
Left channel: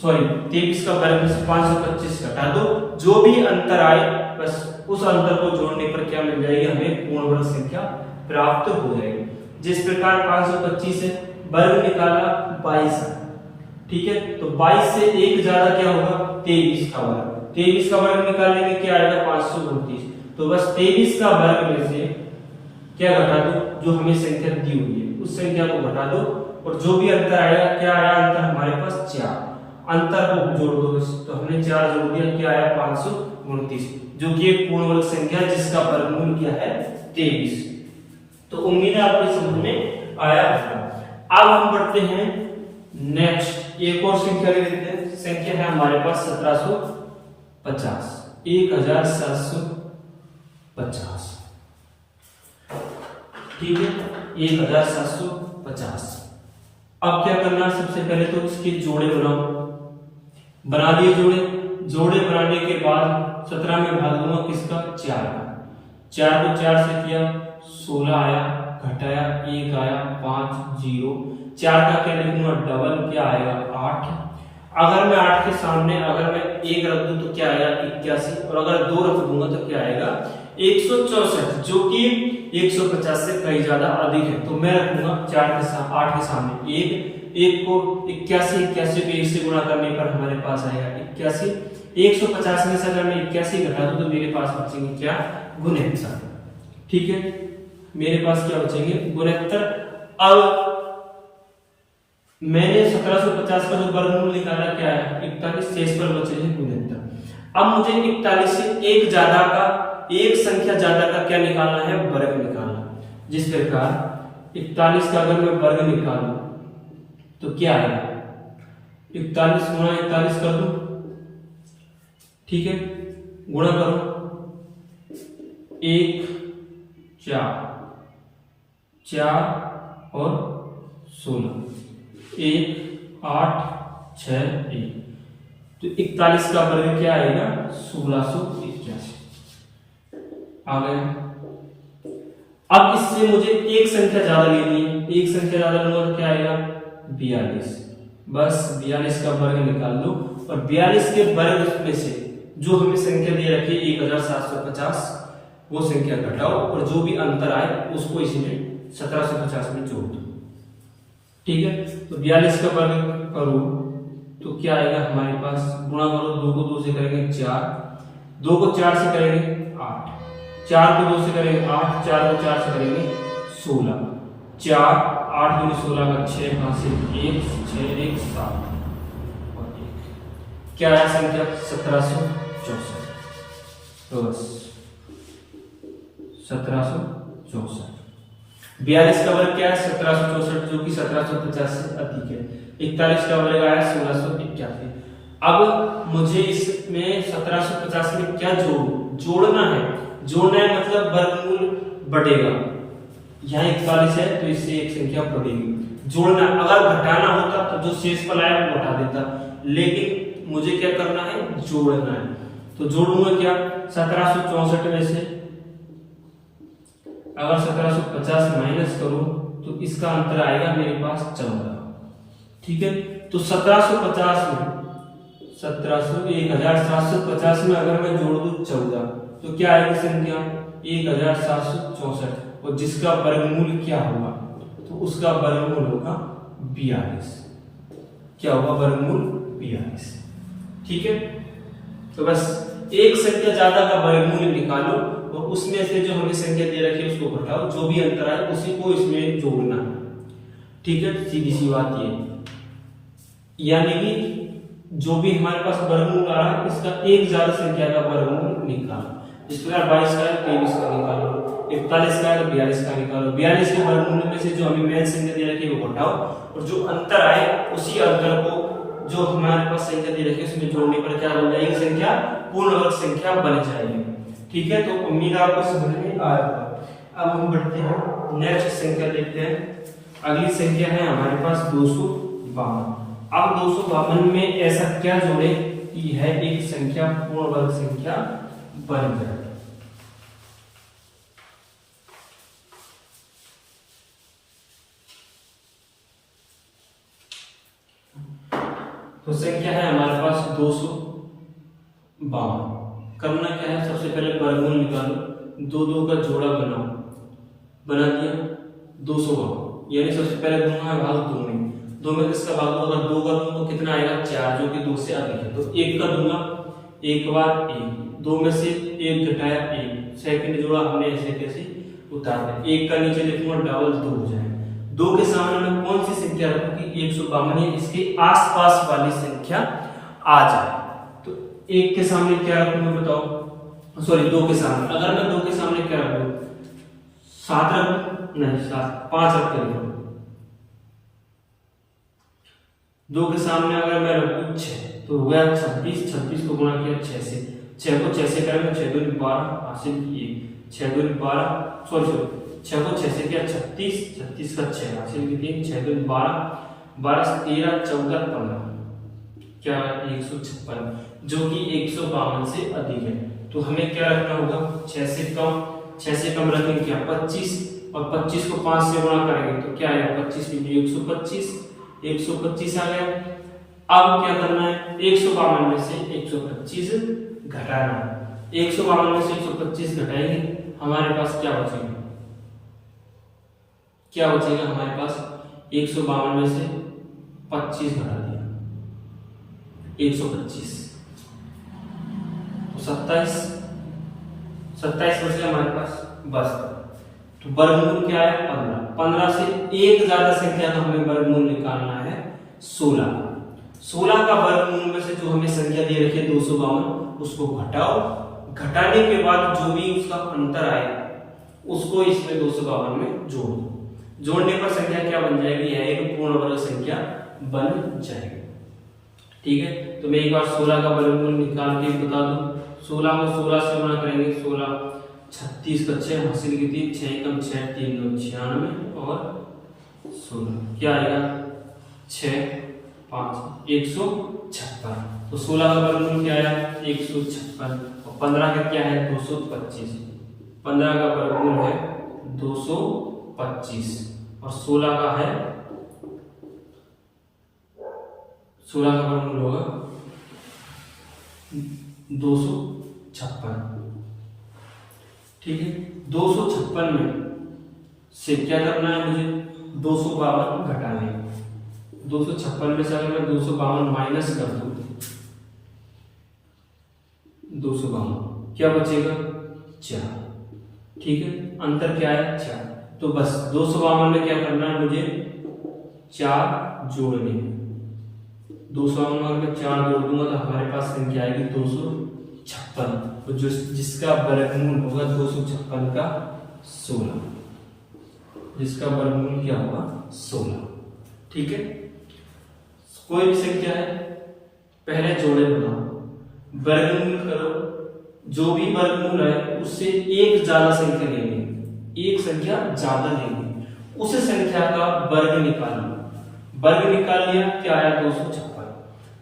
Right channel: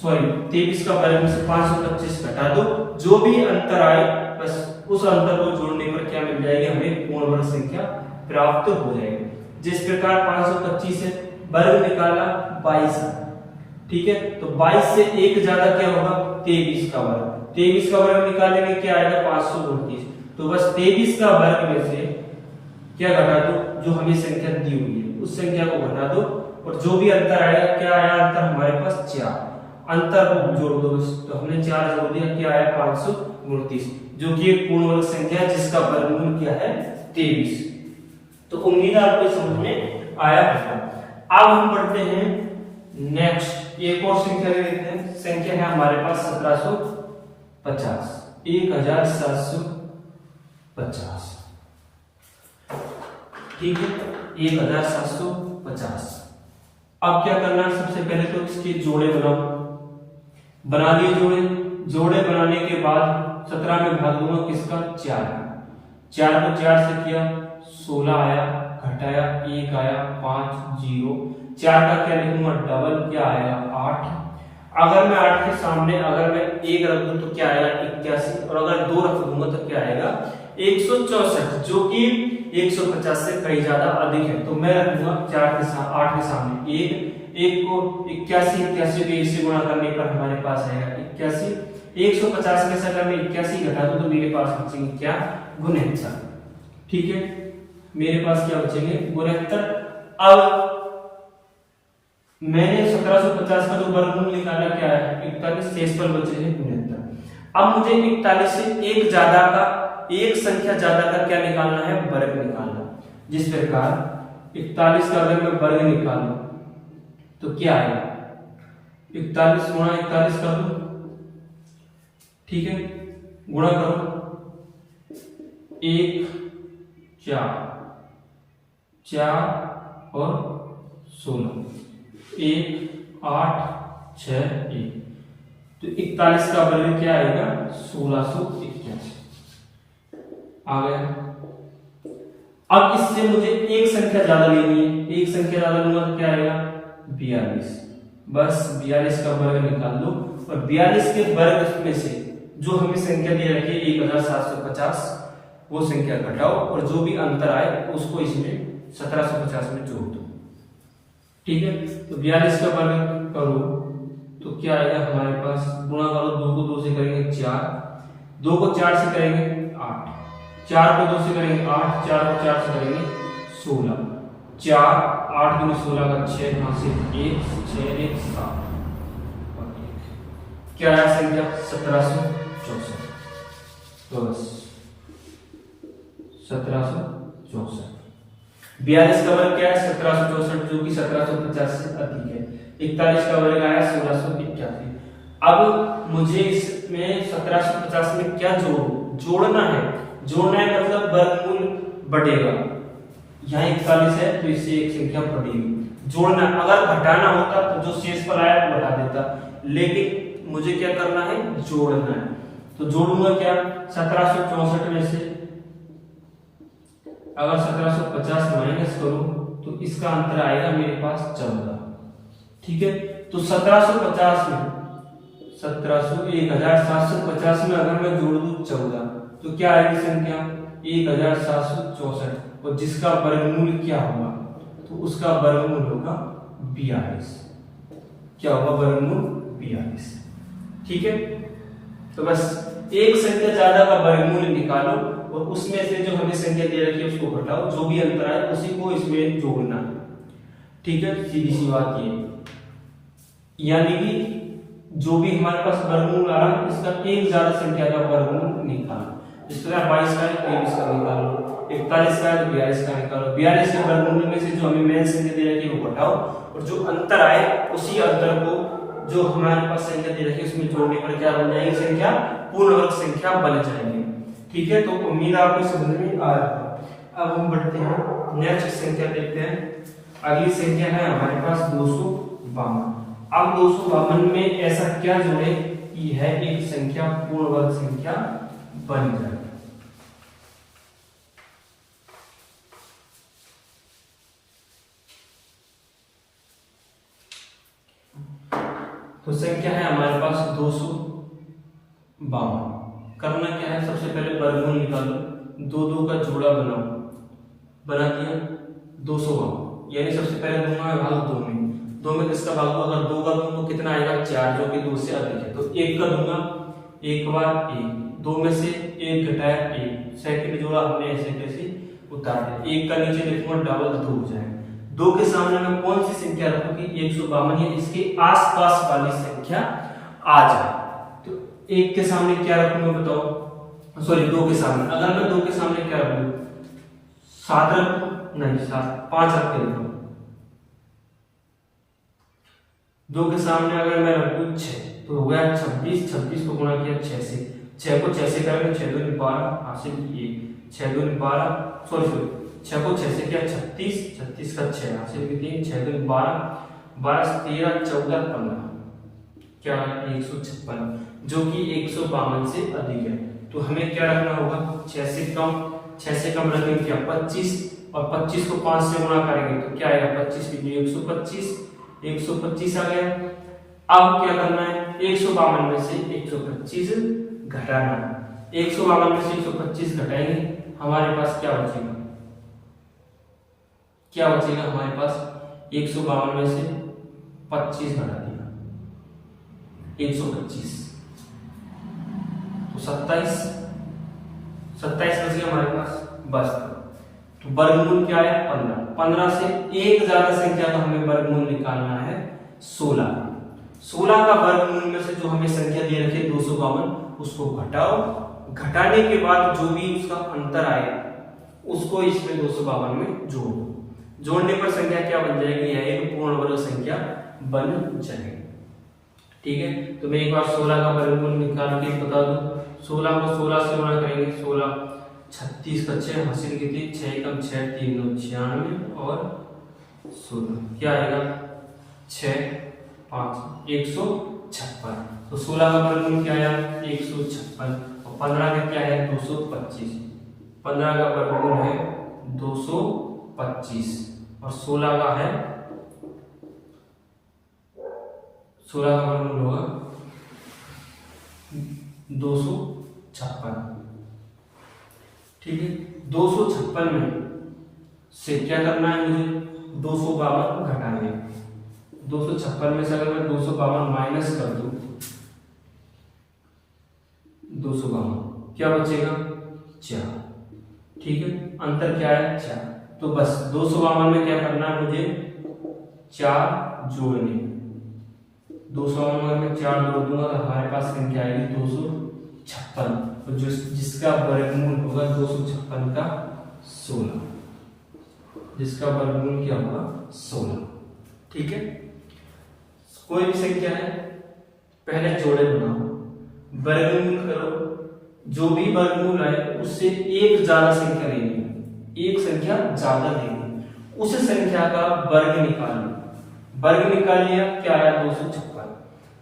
23 का वर्ग में से 525 घटा दो, जो भी अंतर आए बस उस अंतर को जोड़ने पर क्या मिल जाएगी, हमें पूर्ण वर्ग संख्या प्राप्त हो जाएगी। जिस प्रकार 525 से वर्ग निकाला 22, ठीक है, तो 22 से एक ज्यादा क्या होगा 23 का वर्ग, 23 का वर्ग निकालेंगे क्या आएगा 529। तो बस 23 का वर्ग में से क्या घटा दो, जो हमें संख्या दी हुई है उस संख्या को घटा दो और जो भी अंतर आएगा, क्या आया अंतर हमारे पास 4, अंतर को जोड़ दो। तो हमने 4 जोड़ दिया, क्या आया 529, जो कि एक पूर्ण वर्ग संख्या जिसका वर्गमूल क्या है 23। तो उम्मीद है आपको समझ में आया होगा। अब हम बढ़ते हैं नेक्स्ट, एक और संख्या ले लेते हैं। संख्या है हमारे पास 1750, 1750। ठीक है, 1750। अब क्या करना है, सबसे पहले तो इसके जोड़े बनाओ। बना लिए जोड़े बनाने के बाद 17 में भाग दूंगा किसका 4 का, 4 को 4 से किया 16 आया, घटाया 1 आया 5 0, 4 का क्या लिखूंगा डबल, क्या आएगा 8। अगर मैं 8 के सामने अगर मैं 1 रख दूं तो क्या आएगा 81, और अगर 2 रख दूंगा तो क्या आएगा 164, जो कि 150 से कहीं ज्यादा अधिक है। तो मैं रखूंगा 8 के सामने 1 को 81 को 1 से गुणा करने पर हमारे पास आएगा 81। 150 में से अगर मैं 81 घटा दूं तो मेरे पास बचेंगे क्या 69। ठीक है, मेरे पास क्या बचेंगे 69। अब मैंने 1750 का जो वर्गमूल निकाला क्या है 41, शेष पर बचे हैं 69। अब मुझे 41 से एक ज्यादा का, एक संख्या ज्यादा का क्या निकालना है, वर्ग निकालना। जिस प्रकार 41 का अगर मैं वर्ग निकालूं तो क्या है 41 गुणा 41 कर दो, ठीक है, गुणा करो 1 4 और 16, 1 8 6 1, तो 41 का वर्ग क्या आएगा 1681 आ गया। अब इससे मुझे एक संख्या ज्यादा लेनी है, एक संख्या ज्यादा लूंगा तो क्या आएगा 42। बस 42 का वर्ग निकाल लो और 42 के वर्ग में से जो हमें संख्या दे रखी है 1750, वो संख्या घटाओ और जो भी अंतर आए उसको इसमें 1750 में जोड़ दो। ठीक है, तो 42 का वर्ग करो तो क्या आएगा हमारे पास, गुणा करो 2 को 2 से करेंगे 4, 2 को 4 से करेंगे 8, 4 को 2 से करेंगे 8, 4 को 4 से करेंगे 16, 4 8 दूनी 16 का 6 यहाँ से 1 6 1 7 और 1, क्या है संख्या 1764। तो बस 1764। 42 का वर्ग क्या है 1764, जो कि 1750 से अधिक है। 41 का वर्ग आया 1681। अब मुझे इसमें 1750 में क्या जोड़ना है मतलब वर्गमूल बढ़ेगा। यहाँ 41 है तो इससे एक संख्या बढ़ेगी, जोड़ना। अगर घटाना होता तो जो शेषफल आया वो घटा देता, लेकिन मुझे क्या करना है, जोड़ना है। तो जोड़ूंगा क्या, 1764 में से अगर 1750 माइनस करूं तो इसका अंतर आएगा मेरे पास 14। ठीक है, तो 1750 में 1750 में अगर मैं जोड़ दूं 14 तो क्या आएगी संख्या 1764, और जिसका वर्गमूल क्या होगा, तो उसका वर्गमूल होगा 42। क्या होगा, वर्गमूल 42। ठीक है, तो बस एक संख्या ज्यादा का वर्गमूल निकालो और उसमें से जो हमें संख्या दे रखी है उसको घटाओ, जो भी अंतर है उसी को इसमें जोड़ना है। ठीक है, सीधी सी बात ये, यानी कि जो भी हमारे पास वर्गमूल आ रहा है इसका एक ज्यादा संख्या का वर्गमूल निकालो। इस प्रकार 22 का 23 का निकालो, 41 का 42 का निकालो। 42 के वर्गमूल में से जो हमें मेन संख्या दे रखी है वो घटाओ, और जो अंतर आए उसी अंतर को जो हमारे पास संख्या दे रखी है उसमें जोड़ने पर क्या बन जाएगी, संख्या पूर्ण वर्ग संख्या बन जाएगी। ठीक है, तो उम्मीद आपको समझ में आ रहा है। अब हम बढ़ते हैं, नेक्स्ट संख्या देखते हैं। अगली संख्या है हमारे पास 252। अब 252 में ऐसा क्या जोड़े कि यह एक संख्या पूर्ण वर्ग संख्या बन जाए। तो संख्या है हमारे पास 252। करना क्या है, सबसे पहले वर्गमूल निकालो, दो दो का जोड़ा बनाओ, बना दिया 252, यानी सबसे पहले दूंगा भाग 2 में, 2 में किसका भाग दो, अगर 2 का दूं तो कितना आएगा 4, जो कि 2 से अधिक है। तो 1 का दूंगा, एक बार 1, 2 में से 1 घटाया 1, सेकंड जोड़ा हमने ऐसे कैसे उतार दिया। 1 का नीचे लिखूंगा डबल 2 हो जाए। 2 के सामने मैं कौन सी संख्या रखूंगी, 152 या इसके आसपास वाली संख्या आ जाए। तो 1 के सामने क्या रखूंगा बताओ, सॉरी 2 के सामने, अगर मैं 2 के सामने क्या रखूं, 7 रखूं, नहीं 7, 5 रख के रखूं। 2 के सामने अगर मैं रखूं 6 तो हो गया 26, 26 को गुणा किया 6 से, 6 को 6 से करेंगे 6 दूनी 12, हासिल किए 6 दूनी 12, सॉरी 6 को 6 से किया 36, 36 का 6 हासिल किए 6 दूनी 12, 12 से 13, 14, 15, क्या है 156, जो कि 152 से अधिक है। तो हमें क्या रखना होगा, 6 से कम रखेंगे क्या 25, और 25 को 5 से गुणा करेंगे तो क्या आएगा 25 में 125 आ गया। अब क्या करना है, 152 में से 125 घटाना है। 152 में से 125 घटाएंगे, हमारे पास क्या बचेगा, हमारे पास 152 में से 25 घटा दिया 125, तो 27 बच गया हमारे पास। बस वर्गमूल क्या है 15, 15 से एक ज्यादा संख्या का हमें वर्गमूल निकालना है 16। 16 का वर्गमूल में से जो हमें संख्या दे रखी है 252, उसको घटाओ, घटाने के बाद जो भी उसका अंतर आए उसको इसमें 252 में जोड़ दो। जोड़ने पर संख्या क्या बन जाएगी, यह एक पूर्ण वर्ग संख्या बन जाएगी। ठीक है, तो मैं एक बार 16 का वर्गमूल निकाल के बता दूं। 16 को 16 से गुणा करेंगे, 16 36 का 6 हासिल की थी, 6 कम 6 3 9 96 और 16 क्या आएगा 6 5 156। तो 16 का वर्गमूल क्या आया 156, और 15 का क्या है 225। 15 का वर्गमूल है 225 और 16 का है 16 का वर्गमूल होगा 256। ठीक है, 256 में से क्या करना है मुझे 252 घटाने। 256 में से अगर मैं 252 माइनस कर दूं 252 क्या बचेगा 4। ठीक है, अंतर क्या है 4। तो बस 252 में क्या करना है मुझे 4 जोड़ने। 252 में 4 जोड़ दूंगा तो हमारे पास संख्या आएगी 256। तो जो जिसका वर्गमूल होगा 256 का 16, जिसका वर्गमूल क्या होगा 16। ठीक है, कोई भी संख्या है पहले जोड़े बनाओ, वर्गमूल करो, जो भी वर्गमूल आए उससे एक ज्यादा संख्या लेनी है, एक संख्या ज्यादा लेनी, उस संख्या का वर्ग निकाल लो, वर्ग निकाल लिया क्या आया 256।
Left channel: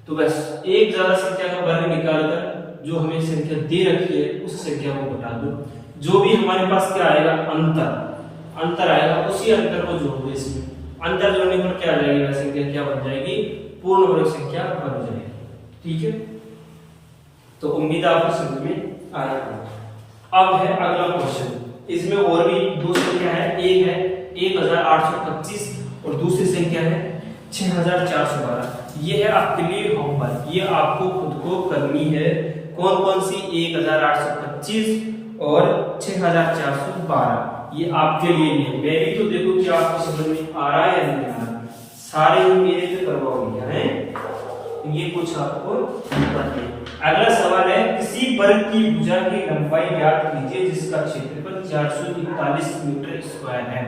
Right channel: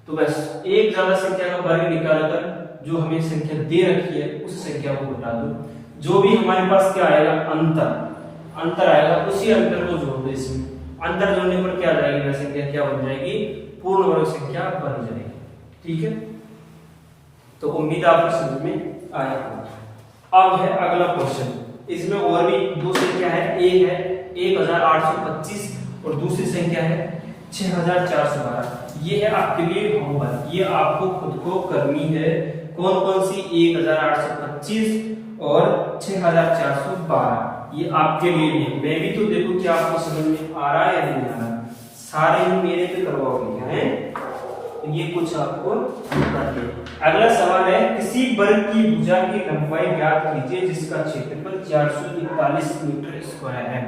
तो बस एक ज्यादा संख्या का वर्ग निकालकर जो हमें संख्या दे रखी है उस संख्या को घटा दो, जो भी हमारे पास क्या आएगा अंतर आएगा, उसी अंतर को जोड़ दो इसमें, अंतर जोड़ने पर क्या आ जाएगी वह संख्या क्या बन जाएगी, पूर्ण वर्ग संख्या बन जाएगी। ठीक है, तो उम्मीद आपको समझ में आया होगा। अब है अगला क्वेश्चन, इसमें और भी दो संख्या है, एक है 1825 और दूसरी संख्या है 6412। ये है आपके लिए होमवर्क, ये आपको खुद को करनी है। कौन कौन सी 1825 और 6412, ये आपके लिए भी है। मैं भी तो देखो कि आपको समझ में आ रहा है या नहीं आ रहा, सारे मेरे पे करवाओगे हैं, ये कुछ आपको बताइए। अगला सवाल है, किसी वर्ग की भुजा की लंबाई ज्ञात कीजिए जिसका क्षेत्रफल 441 मीटर स्क्वायर है।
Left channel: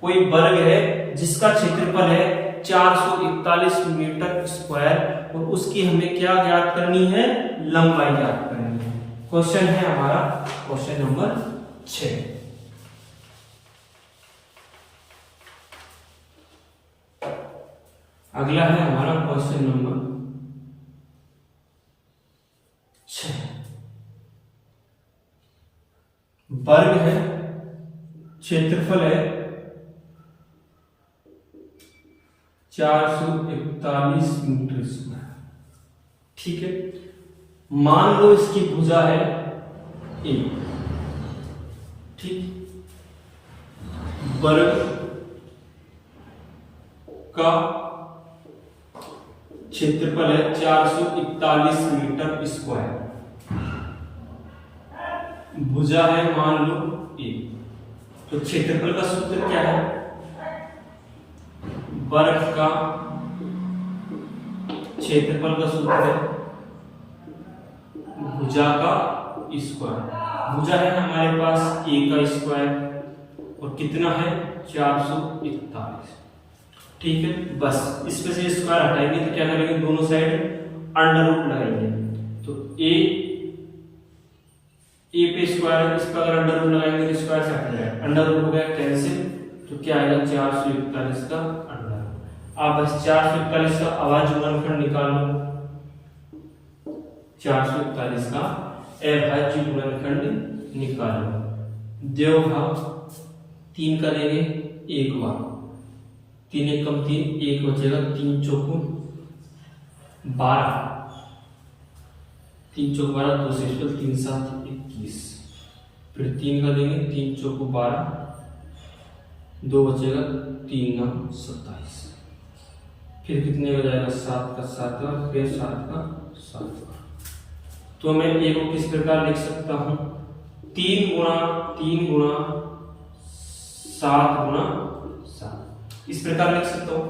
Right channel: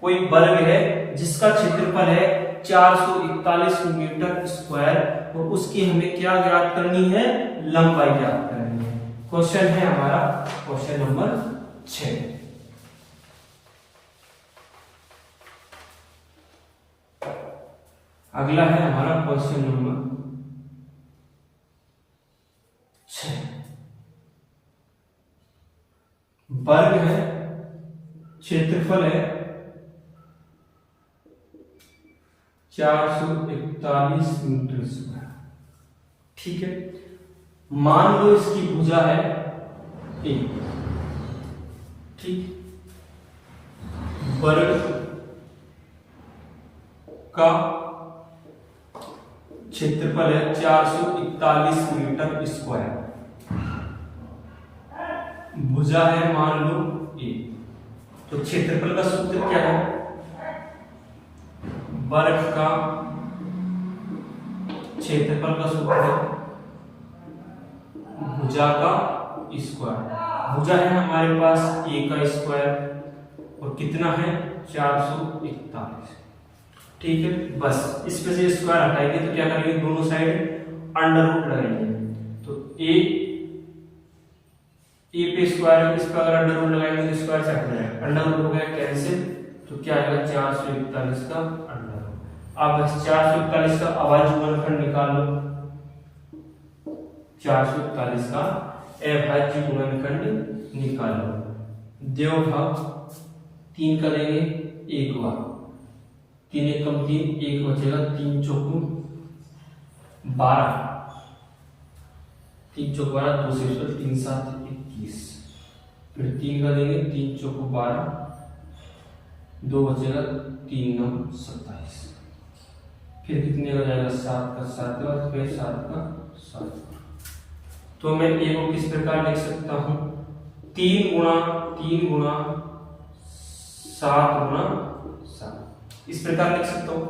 कोई वर्ग है जिसका क्षेत्रफल है 441 मीटर स्क्वायर और उसकी हमें क्या ज्ञात करनी है, लंबाई ज्ञात करनी है। क्वेश्चन है हमारा क्वेश्चन नंबर 6। अगला है हमारा क्वेश्चन नंबर 6। वर्ग है, क्षेत्रफल है 441 मीटर स्क्वायर। ठीक है, मान लो इसकी भुजा है ए। ठीक, वर्ग का क्षेत्रफल है 441 मीटर स्क्वायर, भुजा है मान लो ए। तो क्षेत्रफल का सूत्र क्या है, वर्ग का क्षेत्रफल का सूत्र है भुजा का स्क्वायर। भुजा है हमारे पास ए का स्क्वायर और कितना है 441। ठीक है, बस इसमें से स्क्वायर हटाएंगे तो क्या करेंगे, दोनों साइड अंडर रूट लगाएंगे। तो ए पे स्क्वायर है, इस पर अगर अंडर रूट लगाएंगे तो स्क्वायर से हट जाएगा, अंडर रूट हो गया कैंसिल, तो क्या आएगा 441 का अंडर रूट। अब बस 441 का अभाज्य गुणनखंड निकाल लो, 441 का अभाज्य गुणनखंड निकालो। देव भाव 3 का देंगे 1 बार, 3 एक कम 3, 1 बचेगा, 3 चौको 12, 3 चौको 12, 2 से 3 7 21, फिर 3 का देंगे, 3 चौको 12, 2 बचेगा, 3 9 27, फिर कितने हो जाएगा 7 का 7 का, फिर 7 का 7 का। तो मैं ए को किस प्रकार लिख सकता हूं, 3 गुणा 7 गुणा 7, इस प्रकार लिख सकता हूं।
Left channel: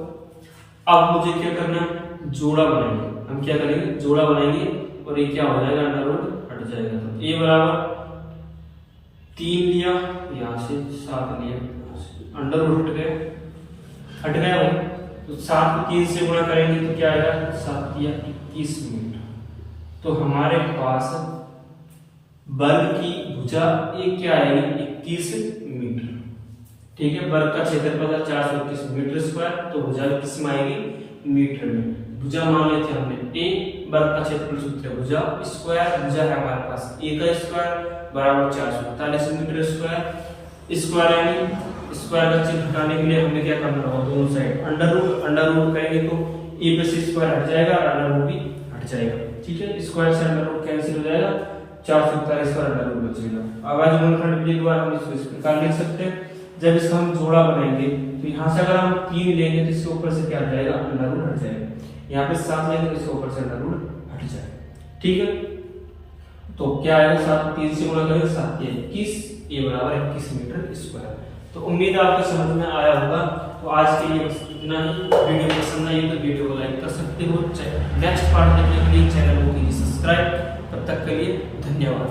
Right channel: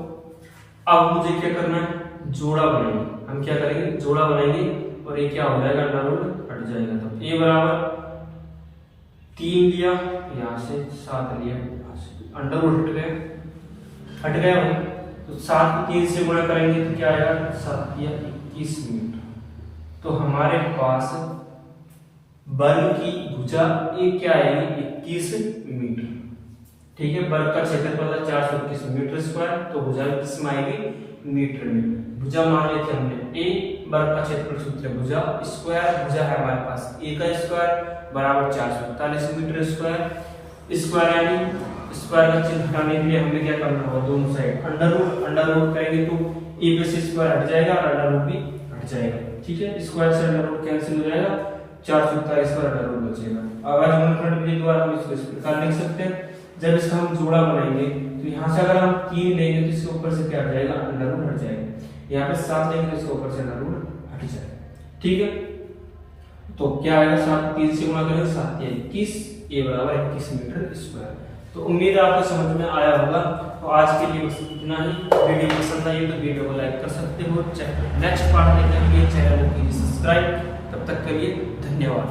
अब मुझे क्या करना है, जोड़ा बनाएंगे। हम क्या करेंगे, जोड़ा बनाएंगे और ये क्या हो जाएगा, अंडर रूट हट जाएगा। तो ए बराबर 3 लिया, यहां से 7 लिया, अंडर रूट हट गया भाई। तो 7 को 3 से गुणा करेंगे तो क्या आएगा, 7 या 21 मीटर। तो हमारे पास वर्ग की भुजा ये क्या आएगी, 21 मीटर। ठीक है, वर्ग का क्षेत्रफल था 431 मीटर स्क्वायर, तो भुजा किस में आएगी, मीटर में। भुजा मान लेते हैं हमने ए, वर्ग का क्षेत्रफल सूत्र है भुजा स्क्वायर, भुजा है हमारे पास ए का स्क्वायर बराबर 441 मीटर स्क्वायर। स्क्वायर यानी स्क्वायर का चिन्ह हटाने के लिए हमें क्या करना होगा, दोनों साइड अंडर रूट करेंगे तो ए पे से स्क्वायर हट जाएगा और अंडर रूट भी हट जाएगा। ठीक है, स्क्वायर से अंडर रूट कैंसिल हो जाएगा, 441 का अंडर रूट बचेगा। अभाज्य गुणनखंड विधि द्वारा हम इसको इस प्रकार लिख सकते हैं, जब इसका हम जोड़ा बनाएंगे तो यहाँ से अगर हम 3 लेंगे तो इसके ऊपर से क्या हट जाएगा, अंडर रूट हट जाएगा। यहाँ पे 7 लेंगे तो इसके ऊपर से अंडर रूट हट जाएगा। ठीक है, तो क्या आएगा, 7 3 से गुणा करेंगे, 7 या 21, ए बराबर 21 मीटर स्क्वायर। तो उम्मीद आपको समझ में आया होगा। तो आज के लिए बस इतना ही। वीडियो पसंद आई तो वीडियो को लाइक कर सकते हो। नेक्स्ट पार्ट देखने के लिए चैनल को कीजिए सब्सक्राइब। तब तक के लिए धन्यवाद।